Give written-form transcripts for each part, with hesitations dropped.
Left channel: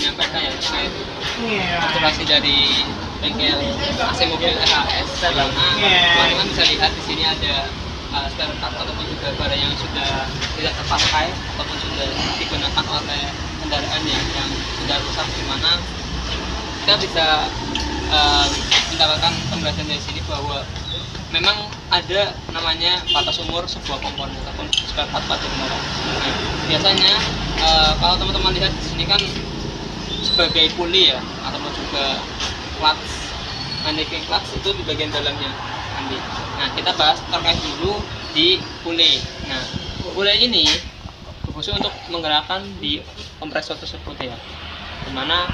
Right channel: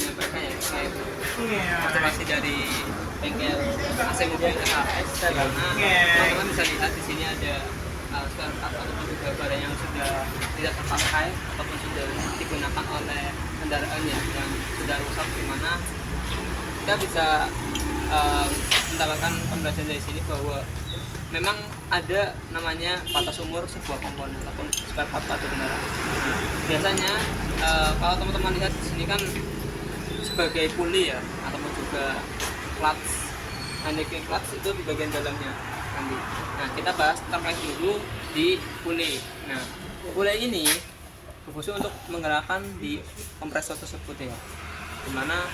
menyampaikan ya terkait observasi dari bengkel AC mobil RHS, karena teman-teman bisa lihat di sini ada spare part ataupun juga barang yang sudah tidak terpakai ataupun sudah digunakan oleh kendaraan yang sudah rusak, di mana kita bisa mendapatkan penjelasan dari sini bahwa memang ada namanya batas umur sebuah komponen ataupun spare part pada kendaraan. Nah, biasanya kalau teman-teman lihat di sini kan sebagai puli ya, ataupun juga clutch, anti-pin clutch itu di bagian dalamnya nanti. Nah, kita bahas terkait dulu di puli. Nah, puli ini berfungsi untuk menggerakkan di kompresor tersebut ya, dimana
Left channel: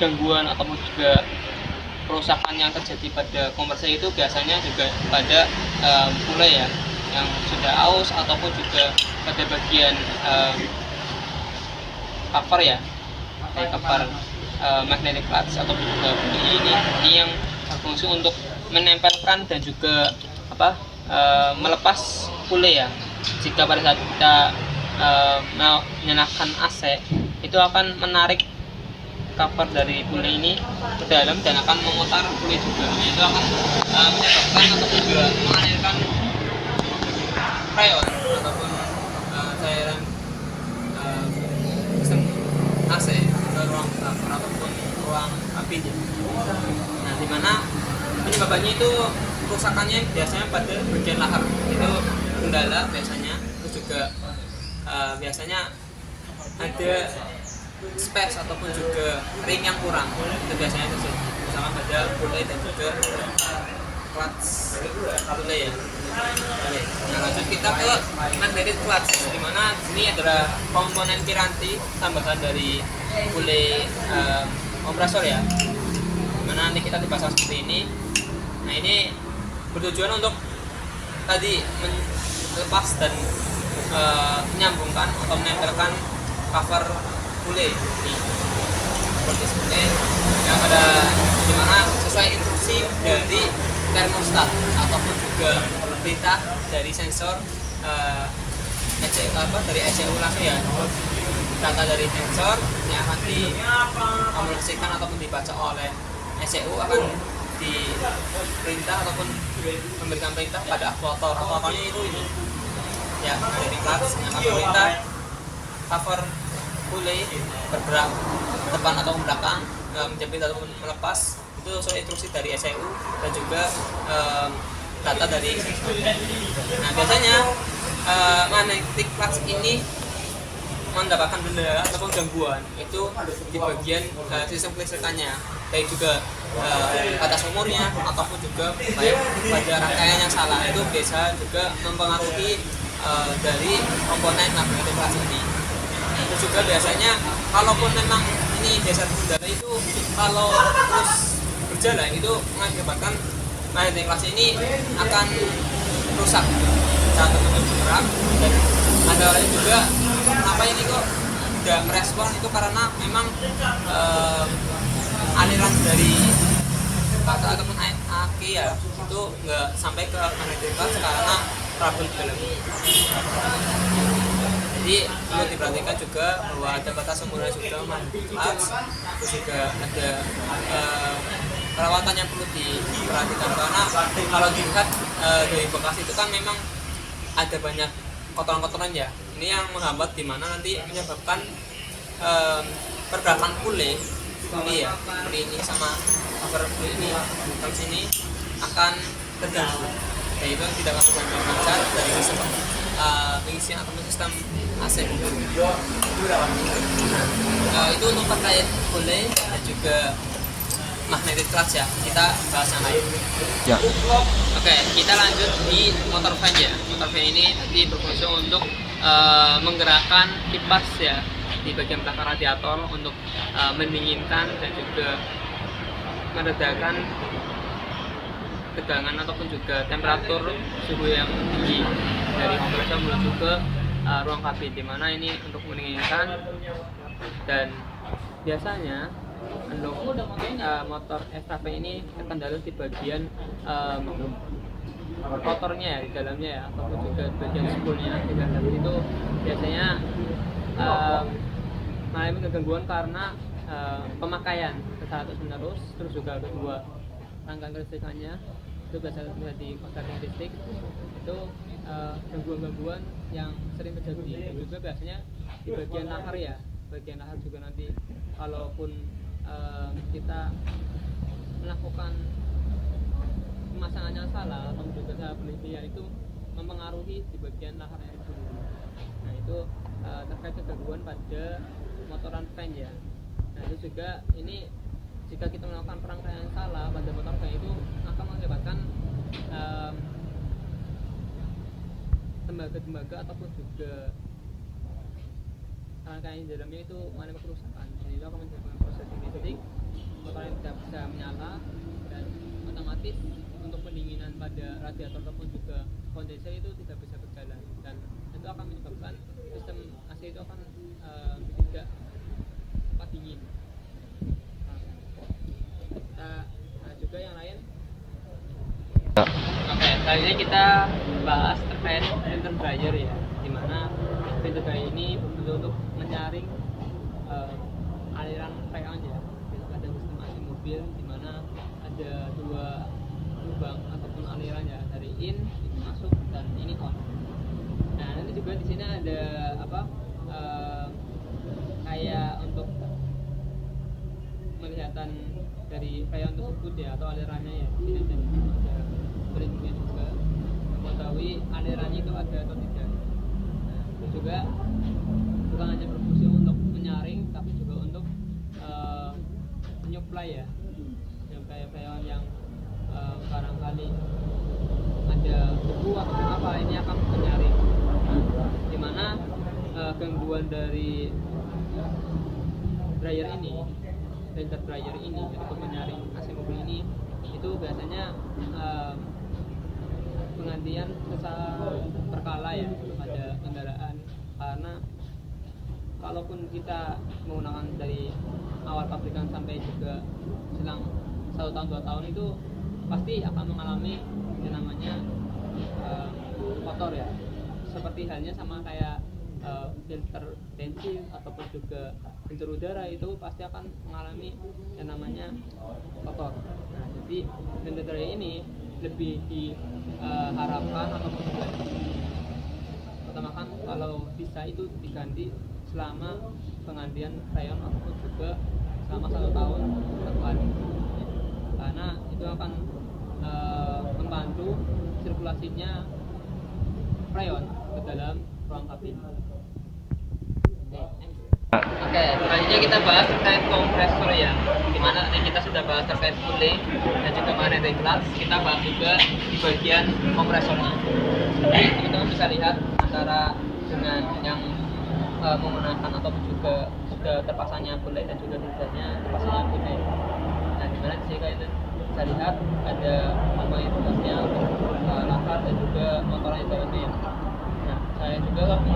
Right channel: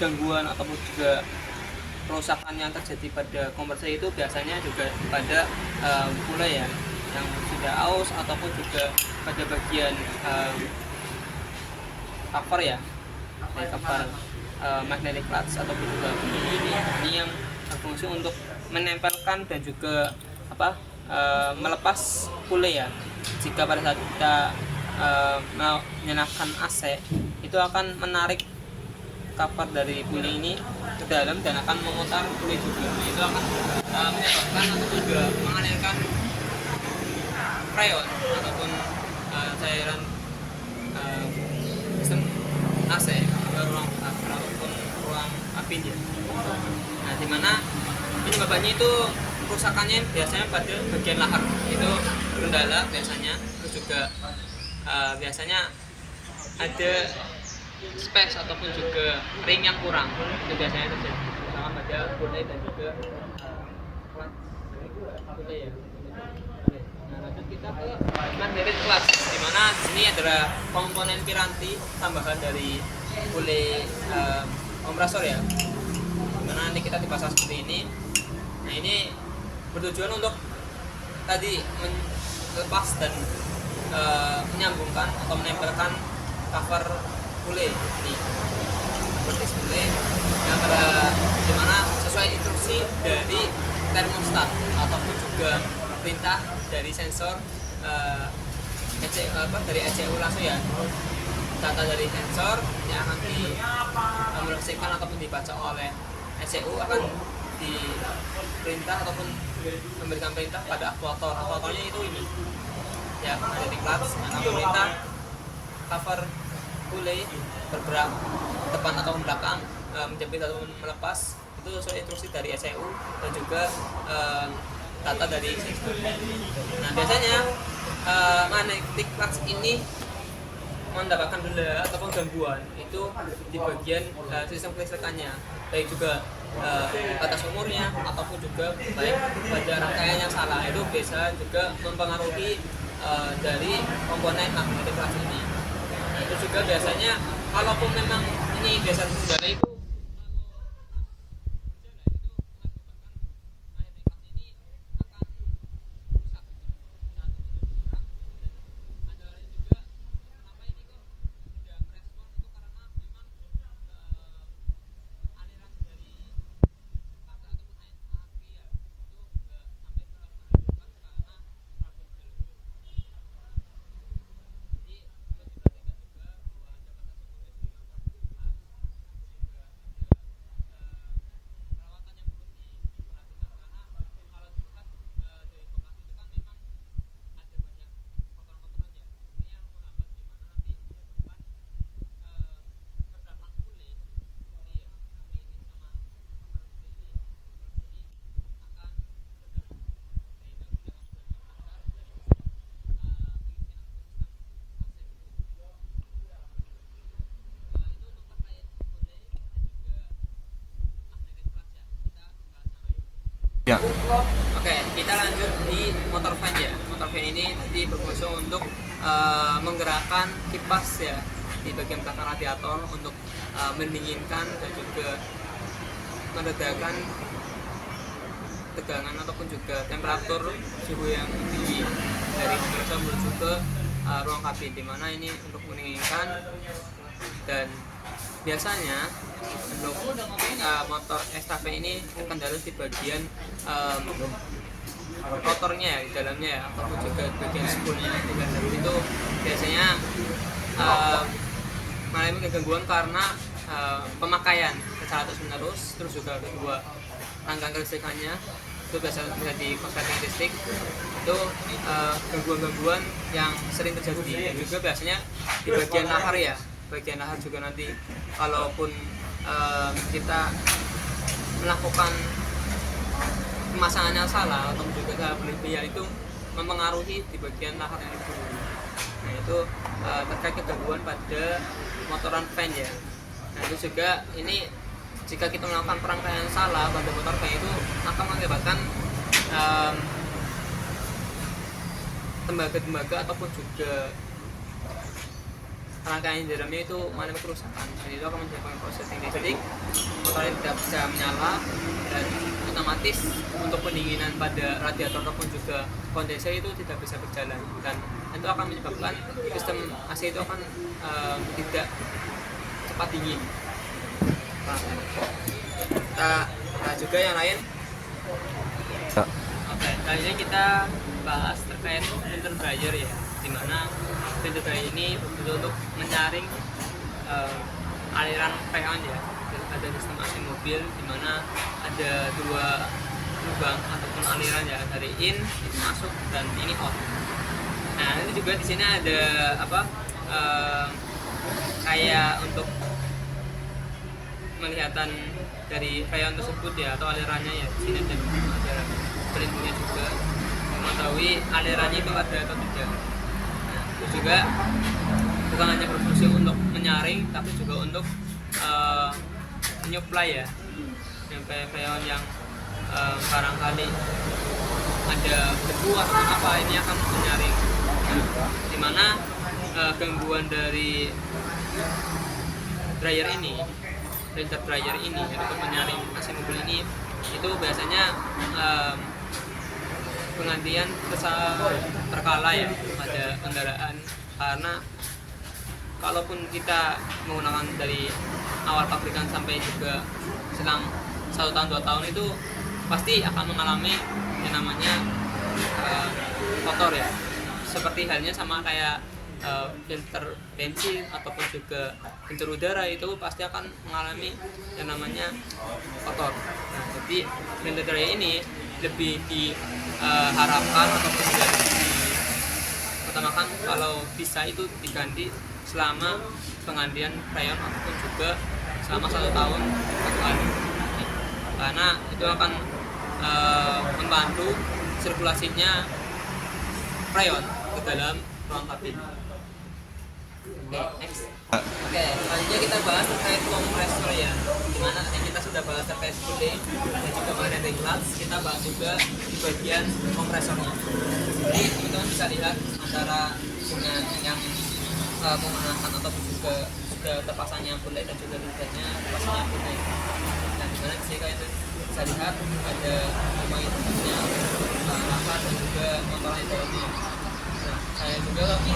gangguan ataupun juga kerusakan yang terjadi pada kompresor itu biasanya juga pada puli ya, yang sudah aus ataupun juga pada bagian cover ya, cover magnetic clutch ataupun juga bunyi ini yang berfungsi untuk menempelkan dan juga melepas puli ya. Jika pada saat kita menyalakan AC, itu akan menarik cover dari puli ini ke dalam dan akan memutar puli juga. Itu akan menyebabkan ataupun juga mengalirkan freon ataupun cairan sistem AC ke ruang cover ataupun ruang kabinnya. Nah, dimana penyebabnya itu kerusakannya biasanya pada bagian lahar, itu kendala biasanya, terus juga biasanya ada spares ataupun juga ring yang kurang, itu biasanya sama pada puli dan juga clutch puli ya. Nah, lanjut kita ke magnetic clutch, dimana sini adalah komponen piranti tambahan dari puli kompresor ya, dimana nanti kita dipasang seperti ini. Nah, ini bertujuan untuk tadi melepas dan menyambungkan atau menempelkan cover puli ini seperti ini, yang pada dimana sesuai instruksi dari termostat ataupun juga perintah dari sensor dari ECU langsung ya. Data dari sensor yang akan diaplikasikan ataupun dibaca oleh ECU akan diperintah ataupun memberikan perintah pada aktuator. Aktuatornya itu ini ya, ada di clutch yang akan perintah cover puli bergerak depan atau belakang, menjepit atau melepas, itu sesuai instruksi dari ECU dan juga data dari sensor. Nah, biasanya magnetic clutch ini mendapatkan kendala ataupun gangguan itu di bagian sistem kelistrikannya, baik juga batas umurnya ataupun juga pada rangkaian yang salah, itu biasa juga mempengaruhi dari komponen magnetic clutch ini. Itu juga biasanya kalaupun memang ini dasar kendala itu kalau terus berjalan itu mengakibatkan magnetic clutch ini akan rusak saat teman-teman bergerak. Dan ada orang juga kenapa ini kok tidak merespon, itu karena memang aliran dari bata ataupun aki ya itu nggak sampai ke magnetic clutch karena trouble di dalam. Jadi perlu diperhatikan juga bahwa ada batas umurnya juga magnetic clutch, terus juga ada perawatan yang perlu diperhatikan, karena kalau dilihat dari bekas itu kan memang ada banyak kotoran-kotoran ya, ini yang menghambat dimana nanti menyebabkan pergerakan puli ya, puli ini sama cover puli ini di sini akan terganggu, yaitu tidak akan lancar dari sistem pengisian atau sistem AC. Itu untuk terkait puli dan juga magnetic clutch ya, kita bahas yang lain ya. Oke, kita lanjut di motor fan ya. Motor fan ini berfungsi untuk menggerakkan kipas ya di bagian belakang radiator untuk mendinginkan dan juga meredakan tegangan ataupun juga temperatur suhu yang tinggi dari kompresor menuju ke ruang kabin, dimana ini untuk mendinginkan. Dan biasanya untuk motor STP ini terkendala di bagian rotornya ya, di dalamnya ya, ataupun juga bagian spoolnya itu biasanya mengalami kegangguan karena pemakaian secara terus menerus, terus juga kedua rangkaian kelistrikannya itu biasa terjadi korsleting listrik itu gangguan-gangguan yang sering terjadi. Dan juga biasanya di bagian lahar ya, bagian lahar juga nanti kalaupun kita melakukan pemasangan yang salah atau juga salah berlebihan itu mempengaruhi di bagian lahar yang itu. Nah itu terkait kegangguan pada motoran fan ya. Nah itu juga ini jika kita melakukan perangkaian salah pada motor fan itu akan mengakibatkan tembaga-tembaga ataupun juga rangkaian di dalamnya itu mengalami kerusakan. Jadi itu akan menyebabkan proses listrik, motornya tidak bisa menyala, dan otomatis untuk pendinginan pada radiator ataupun juga kondenser itu tidak bisa berjalan, dan itu akan menyebabkan sistem AC itu akan tidak cepat dingin. Nah juga yang lain. Oke, kali ini kita bahas terkait filter dryer ya, dimana filter dryer ini untuk menyaring aliran freon ya pada sistem AC mobil, dimana ada dua lubang ataupun aliran ya, dari in itu masuk dan ini out. Nah itu juga di sini ada kayak untuk melihatan dari freon tersebut ya, atau alirannya ya. Di sini ada pelindungnya juga mengetahui alirannya itu ada atau tidak. Nah, itu juga bukan hanya berfungsi untuk menyaring, tapi juga untuk menyuplai ya, menyuplai freon yang barangkali ada debu atau apa, ini akan menyaring. Nah, dimana gangguan dari dryer ini, filter dryer ini untuk menyaring AC mobil ini, itu biasanya penggantian terkala ya pada kendaraan, karena kalaupun kita menggunakan dari awal pabrikan sampai juga selang 1 tahun 2 tahun itu pasti akan mengalami yang namanya kotor ya, seperti halnya sama kayak filter bensin ataupun juga filter udara, itu pasti akan mengalami yang namanya kotor. Nah, jadi filter dryer ini lebih diharapkan ataupun juga utamakan kalau bisa itu diganti selama penggantian freon ataupun juga selama 1 tahun 1 kali, karena itu akan membantu sirkulasinya freon ke dalam ruang kabin. Next. Oke, selanjutnya kita bahas terkait kompresor ya, dimana tadi kita sudah bahas terkait cooling dan juga magnetic flux. Kita bahas juga di bagian kompresornya. Kita bisa lihat antara dengan yang menggunakan atau juga sudah terpasangnya cooling dan juga tidaknya terpasangnya cooling. Nah, dimana di sini kita bisa lihat ada motornya, langkah dan juga motornya dalamnya. Nah, saya juga lagi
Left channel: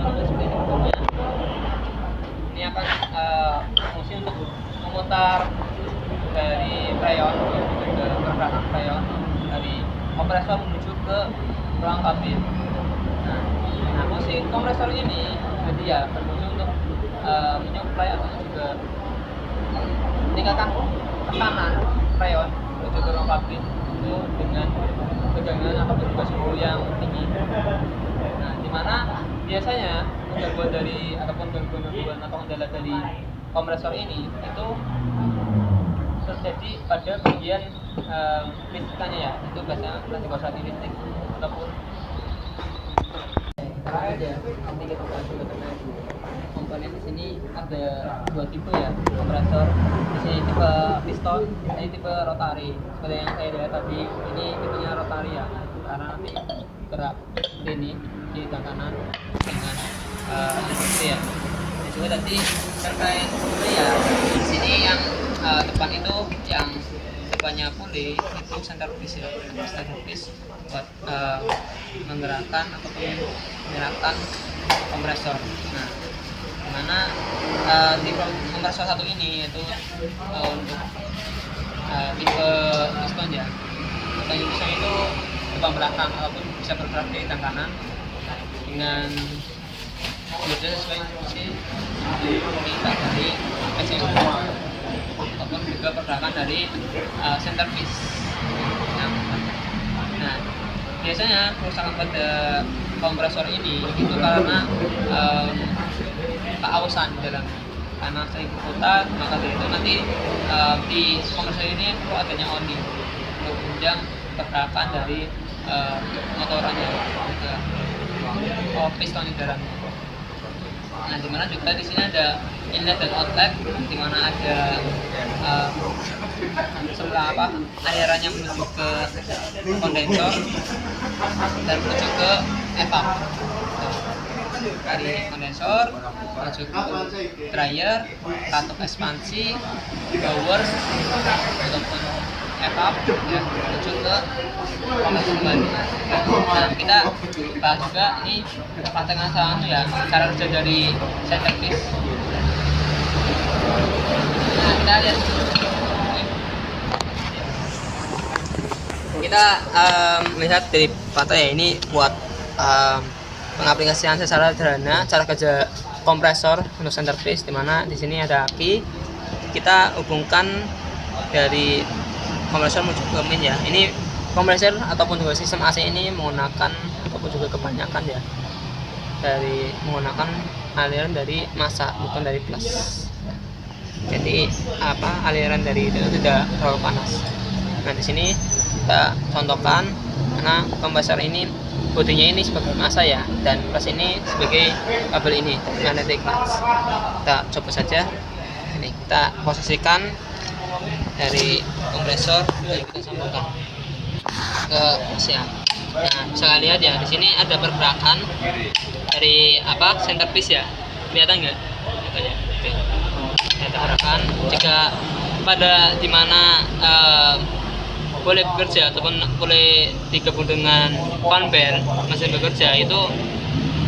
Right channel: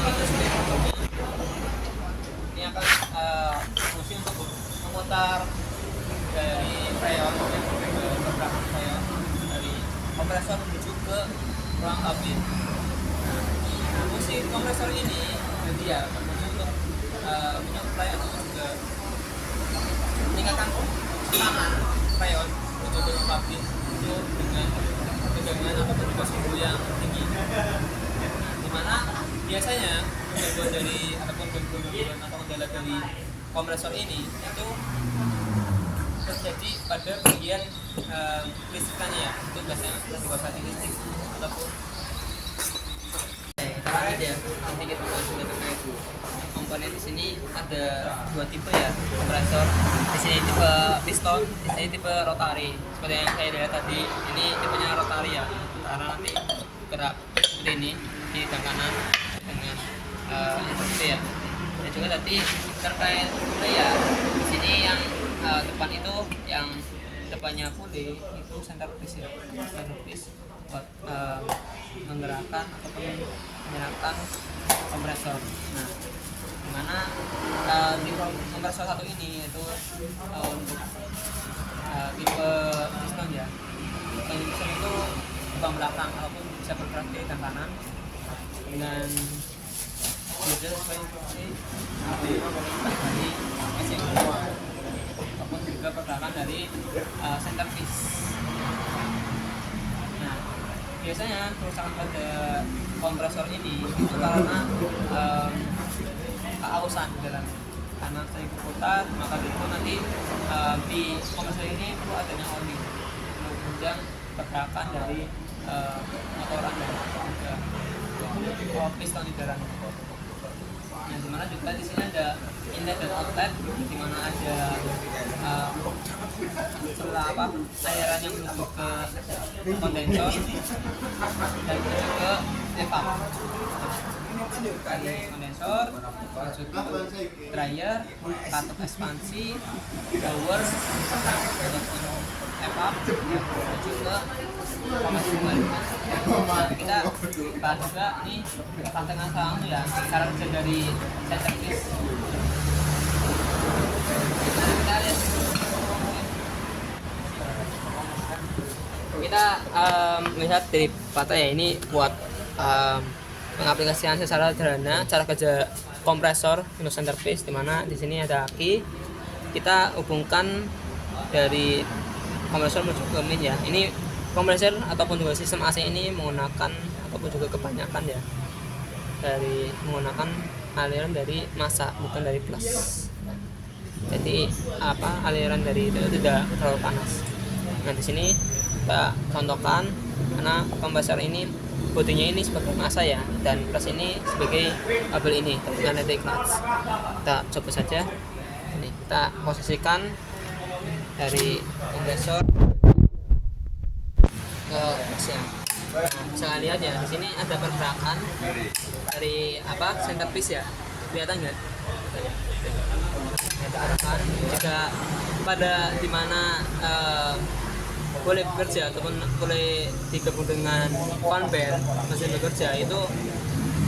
ini apa fungsi untuk memutar dari freon dan juga pergerakan freon dari kompresor menuju ke ruang kabin. Nah fungsi kompresor ini jadi ya berfungsi untuk menyuplai atau juga meningkatkan tekanan freon menuju ke ruang kabin itu dengan tegangan ataupun juga suhu yang tinggi. Nah dimana biasanya gangguan dari ataupun gangguan atau kendala dari kompresor ini itu terjadi pada bagian listrikannya ya, itu biasanya nanti korsleting listrik ataupun kita lihat ya. Nanti kita bahas juga terkait komponen. Di sini ada 2 tipe ya kompresor. Di sini tipe piston, di sini tipe rotari. Seperti yang saya lihat tadi, ini tipenya rotari ya, karena nanti gerak seperti ini di tangan kanan dengan instruksi ya. Dan juga tadi terkait puli ya, di sini yang depan itu yang depannya puli itu center piece ya, center piece buat menggerakkan ataupun menyerapkan kompresor. Nah, dimana tipe kompresor satu ini yaitu untuk tipe piston ya. Tipe piston itu depan belakang ataupun bisa bergerak dari tangan kanan dengan sudah sesuai fungsi di pemerintah dari AC mobil centerpiece. Nah, biasanya kerusakan pada kompresor ini itu karena keausan di dalamnya. Karena sering berputar, maka dari itu nanti di kompresor ini perlu adanya oli untuk menunjang pergerakan dari motorannya ke piston di dalamnya. Nah, dimana juga di sini ada inlet dan outlet, dimana ada sebelah aliran yang menuju ke kondensor dan menuju ke evap. Dari kondensor menuju ke dryer, katup ekspansi, blower ataupun evap ya, menuju ke proses kembali. Nah, kita bahas juga ini prakteknya sama ya, cara kerja dari centerpiece. Nah, kita lihat kita melihat dari foto ya, ini buat pengaplikasian secara sederhana cara kerja kompresor untuk centerpiece, dimana di sini ada aki, kita hubungkan dari kompresor menuju ke min ya. Ini kompresor ataupun juga sistem AC ini menggunakan ataupun juga kebanyakan ya dari menggunakan aliran dari massa, bukan dari plus. Jadi aliran dari itu tidak terlalu panas. Nah, di sini kita contohkan karena kompresor ini bodinya ini sebagai massa ya, dan plus ini sebagai kabel ini magnetic clutch. Kita coba saja. Ini kita posisikan dari kompresor kita sambungkan ke mesin. Nah, bisa lihat ya, di sini ada pergerakan dari centerpiece ya, kelihatan nggak? Ada pergerakan jika pada dimana boleh bekerja ataupun boleh digabung dengan conveyor mesin bekerja, itu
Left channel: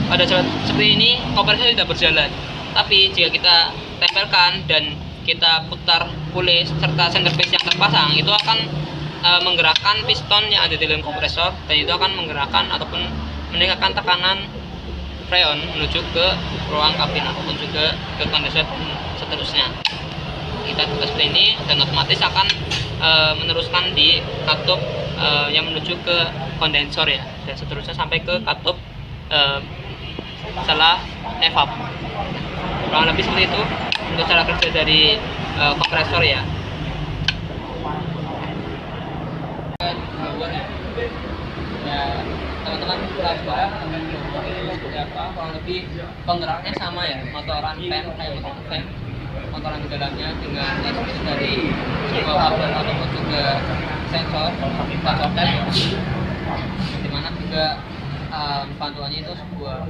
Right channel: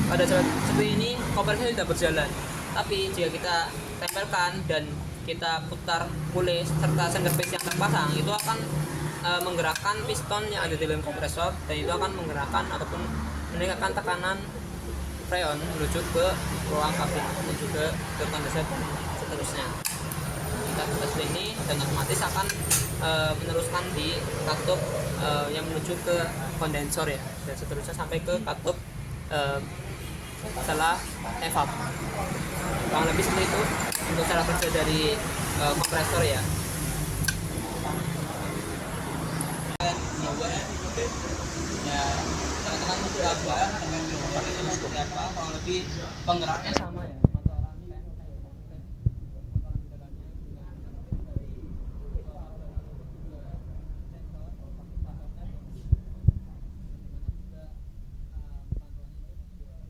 pada saat seperti ini kompresor tidak berjalan. Tapi jika kita tempelkan dan kita putar pulih serta centerpiece yang terpasang, itu akan menggerakkan piston yang ada di dalam kompresor, dan itu akan menggerakkan ataupun meningkatkan tekanan freon menuju ke ruang kabin ataupun juga ke kondensor seterusnya. Kita tugas seperti ini dan otomatis akan meneruskan di katup yang menuju ke kondensor ya, dan seterusnya sampai ke katup setelah evap. Kurang lebih seperti itu untuk cara kerja dari kompresor ya. Ya, teman-teman berapa seperti apa, kurang lebih penggeraknya sama ya, motoran PEM motoran di dalamnya dengan instruksi dari sebuah kabel ataupun juga sensor tab, dimana juga pantulannya itu sebuah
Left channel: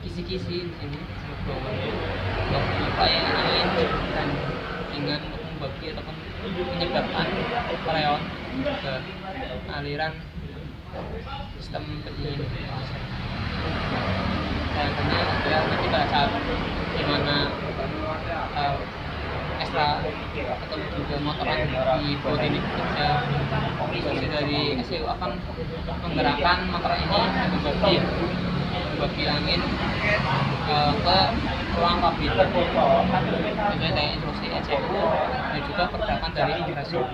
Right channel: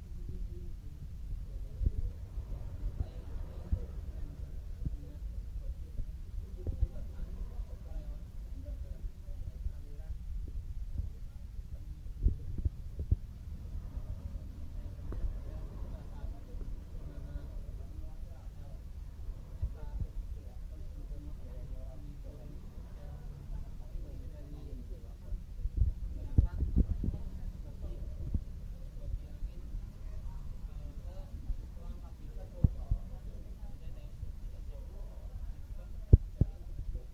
kisi-kisi di sini untuk supaya angin dan hingga membagi ataupun menyebabkan freon ke aliran sistem pendingin. Dan akhirnya ada nanti pada saat dimana ekstra atau juga motoran di bodi ini bekerja, instruksi dari SCU akan menggerakkan motor ini membagi angin ke ruang kabin sesuai dengan instruksi SCU dan juga pergerakan dari kompresor.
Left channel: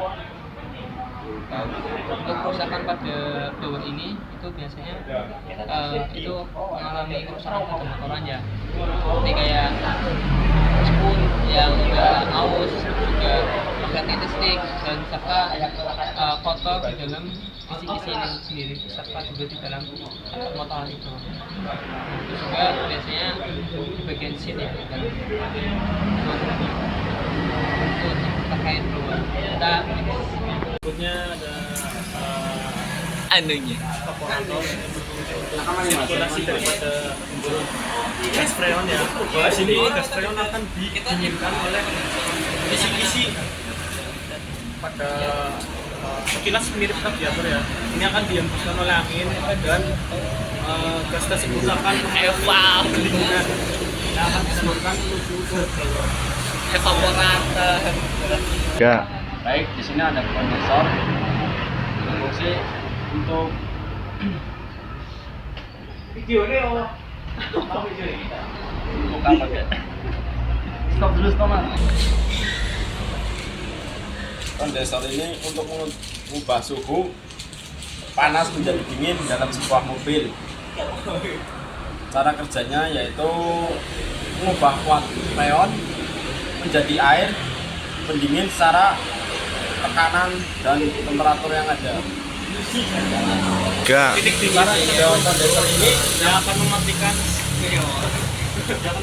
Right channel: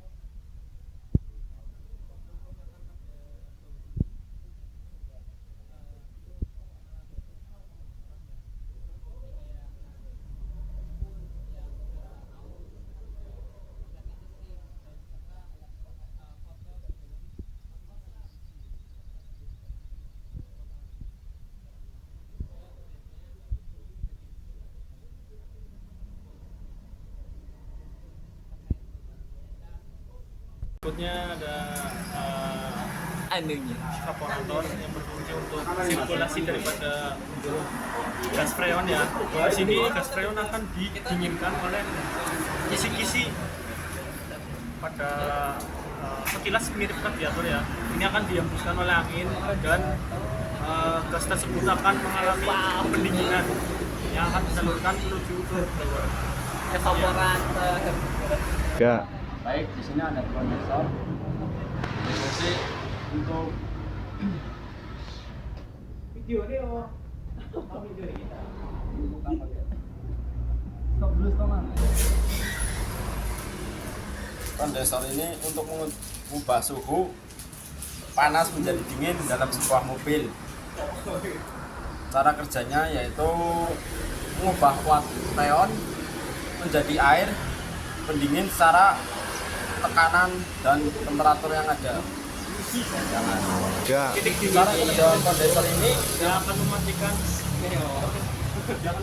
Untuk kerusakan pada blower ini itu biasanya itu mengalami kerusakan pada motorannya, seperti kayak spool yang udah aus, juga magnetic stick, dan serta kotor di dalam kisi-kisi ini sendiri, serta juga di dalam motor itu. Itu juga biasanya di bagian sini dan itu terkait blower. Kita berikutnya ada anunya evaporator sirkulasi daripada gas freon ya. Bahwa sini gas freon akan didinginkan oleh kisi-kisi pada sekilas mirip radiator ya. Ini akan dihembuskan oleh angin dan gas tersebut akan mengalami pendinginan yang akan disalurkan menuju ke evaporator. Ya. Baik, di sini ada kondensor fungsi untuk buka pakai stop dulu, stop mas. kondensor ini untuk mengubah suhu panas menjadi dingin dalam sebuah mobil. Cara kerjanya yaitu mengubah uap freon menjadi air pendingin secara tekanan dan temperatur yang ada. Cara kerja kondensor ini yang akan mematikan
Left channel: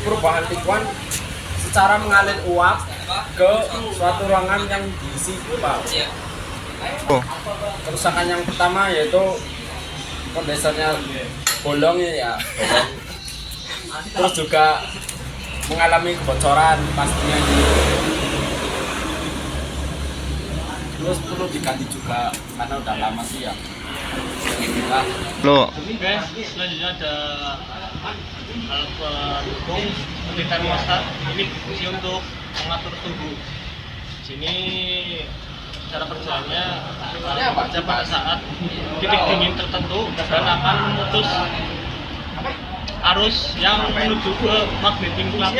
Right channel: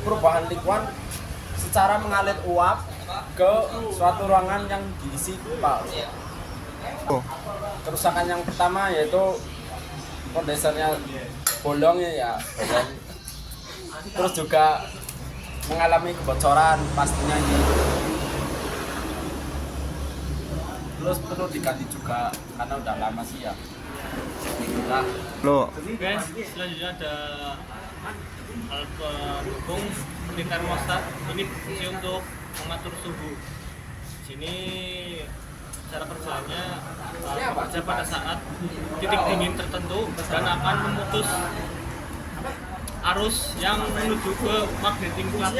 perubahan lingkungan secara mengalir uap ke suatu ruangan yang diisi pipa. Kerusakan yang pertama yaitu kondensernya bolong ya. Terus juga mengalami kebocoran pastinya. Terus perlu diganti juga karena udah lama sih ya. Inilah. Oke, selanjutnya ada alat pendukung seperti termostat. Ini fungsi untuk mengatur suhu. Di sini cara kerjanya bekerja pada saat titik dingin tertentu dan akan memutus arus yang menuju ke magnetic plug.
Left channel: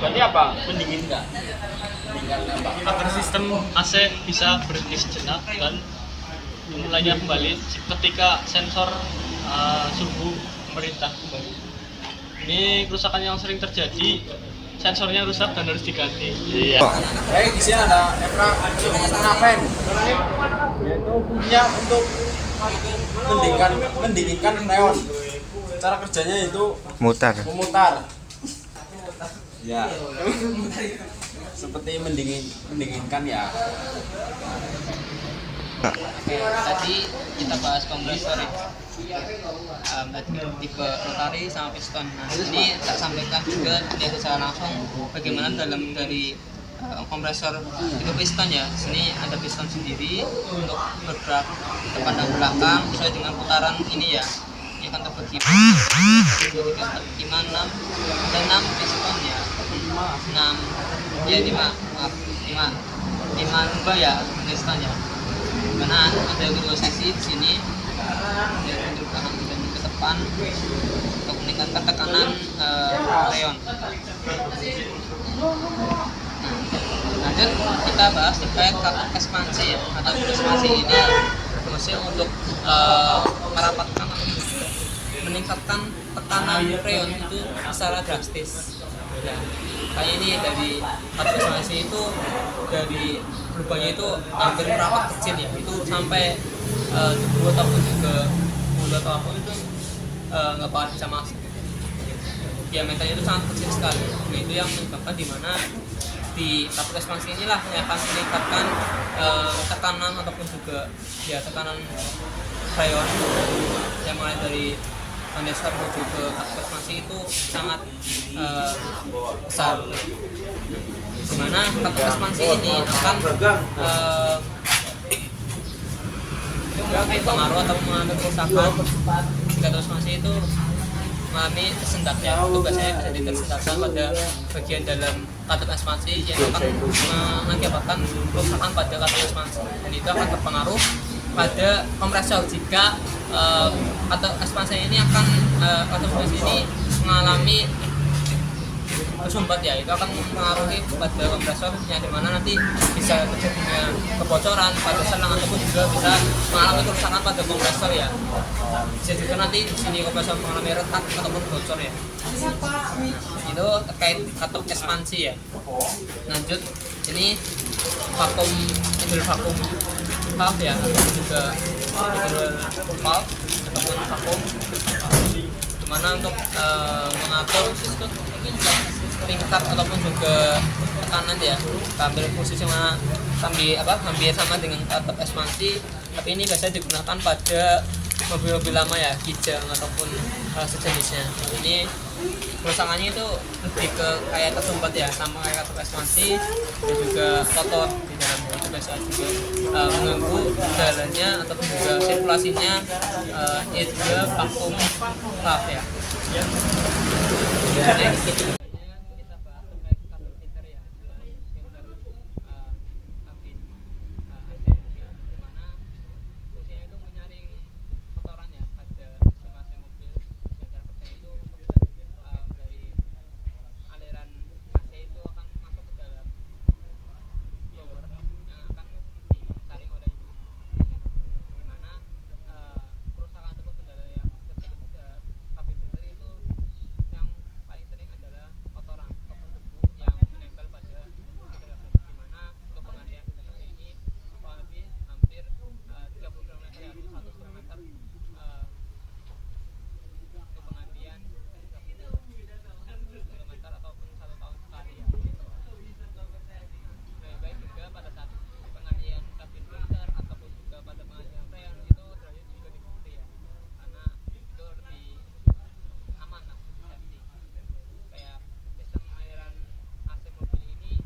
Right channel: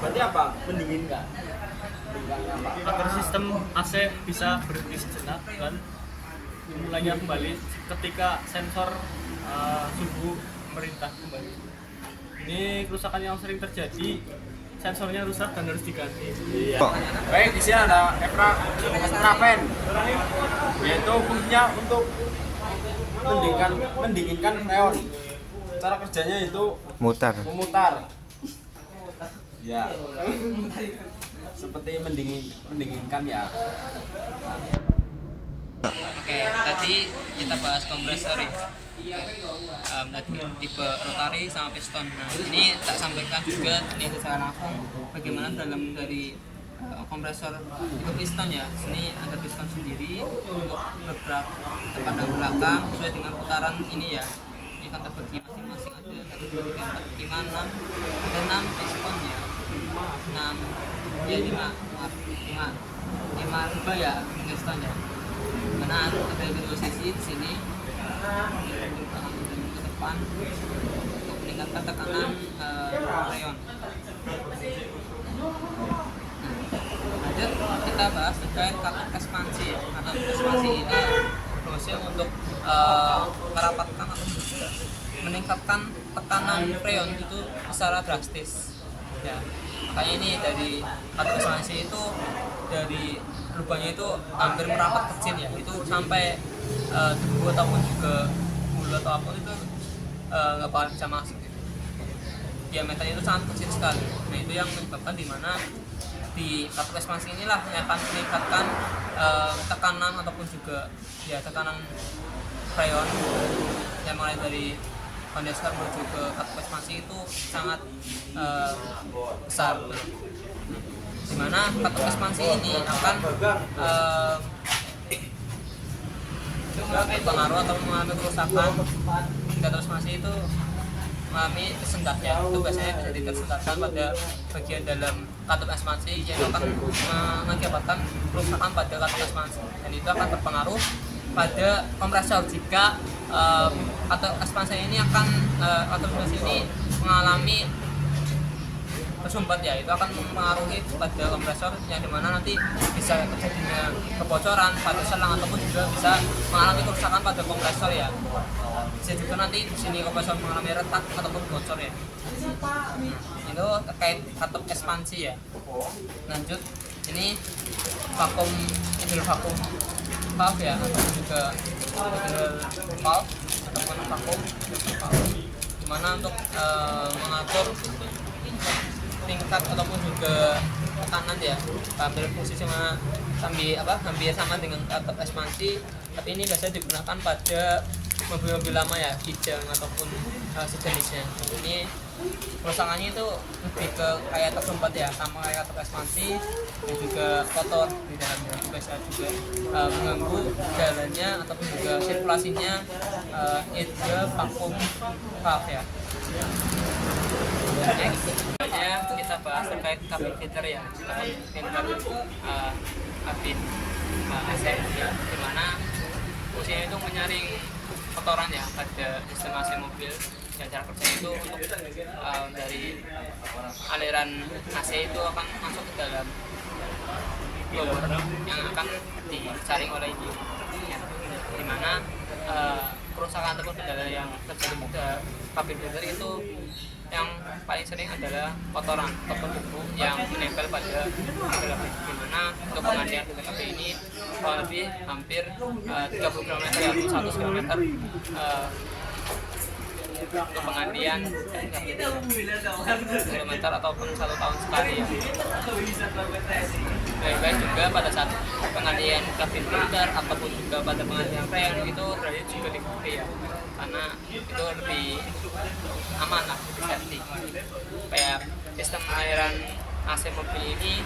Berarti apa? Mendinginkan. Agar sistem AC bisa berhenti sejenak dan mulainya kembali ketika sensor suhu memerintah kembali. Ini kerusakan yang sering terjadi, sensornya rusak dan harus diganti. Iya. Baik, di sini ada Epraven, yaitu fungsinya untuk mendinginkan freon. Cara kerjanya itu memutar. Ya. Seperti mendinginkan ya. Oke, tadi kita bahas kompresor ya. Tipe rotari sama piston. Nah, ini tak sampaikan juga yang secara langsung bagaimana dalam dari kompresor tipe piston ya. Sini ada piston sendiri untuk bergerak depan dan belakang sesuai dengan putaran ini ya. Ini akan terbagi 5, 6, ada 6 piston ya. 6 ya 5 lubang ya piston ya. Karena ada dua sisi di sini yaitu untuk kanan dan ke depan untuk meningkatkan tekanan freon. Lanjut kita bahas terkait katup ekspansi ya. Katup ekspansi ini fungsi untuk merapatkan meningkatkan tekanan freon itu secara drastis. Ya, kayak ini dari katup ekspansi itu dari lubangnya itu hampir merapat kecil ya, itu sampai dibuat ataupun juga bulat apapun itu nggak bakal bisa masuk. Diameternya itu sangat kecil sekali. Nah, itu yang menyebabkan dimana di katup ekspansi inilah yang akan meningkatkan tekanan ataupun juga ya tekanan freon yang mulai dari kondensor menuju ke katup ekspansi itu sangat besar. Dimana katup ekspansi ini akan pengaruh atau mengalami kerusakan. Katup ekspansi itu mengalami sendat ya, itu biasanya terjadi tersendatan pada bagian dalam katup ekspansi yang akan mengakibatkan kerusakan pada katup ekspansi, dan itu akan berpengaruh pada kompresor jika katup ekspansi ini akan katup ekspansi ini mengalami bersumbat ya, itu akan mempengaruhi pada kompresor yang dimana nanti bisa terjadinya kebocoran pada selang ataupun juga bisa mengalami kerusakan pada kompresor ya. Bisa juga nanti di sini kompresor mengalami retak ataupun bocor ya. Nah, itu terkait katup ekspansi ya. Lanjut, ini vakum valve ya, ataupun juga valve ataupun vakum dimana untuk mengatur tingkat ataupun juga tekanan ya, hampir posisi mana hampir sama dengan katup ekspansi, tapi ini biasanya digunakan pada mobil-mobil lama ya, Kijang ataupun sejenisnya. Ini kerusakannya itu lebih ke kayak tersumbat ya, sama kayak katup ekspansi dan juga kotor di dalamnya, itu biasanya juga mengganggu jalannya ataupun juga sirkulasinya yaitu vakum valve ya. Kita bahas terkait kabin filter ya. Filter kabin AC ya, dimana fungsinya itu menyaring kotoran ya pada sistem AC mobil. Dan cara kerjanya itu untuk dari aliran AC itu akan masuk ke dalam blower yang akan disaring oleh ini, di mana kerusakan ataupun kendala yang terjadi pada kabin filter itu yang paling sering adalah kotoran ataupun debu yang menempel pada filter kabin, di mana untuk pengandian filter kabin ini kurang lebih hampir 30 km atau 100 km untuk pengandian kilometer ataupun 1 tahun sekali ya. Baik juga pada saat pengandian kabin filter ataupun juga pada pengandian freon itu terjadi juga di ya, karena itu lebih aman lah, lebih safety. Kayak sistem aliran AC mobil ini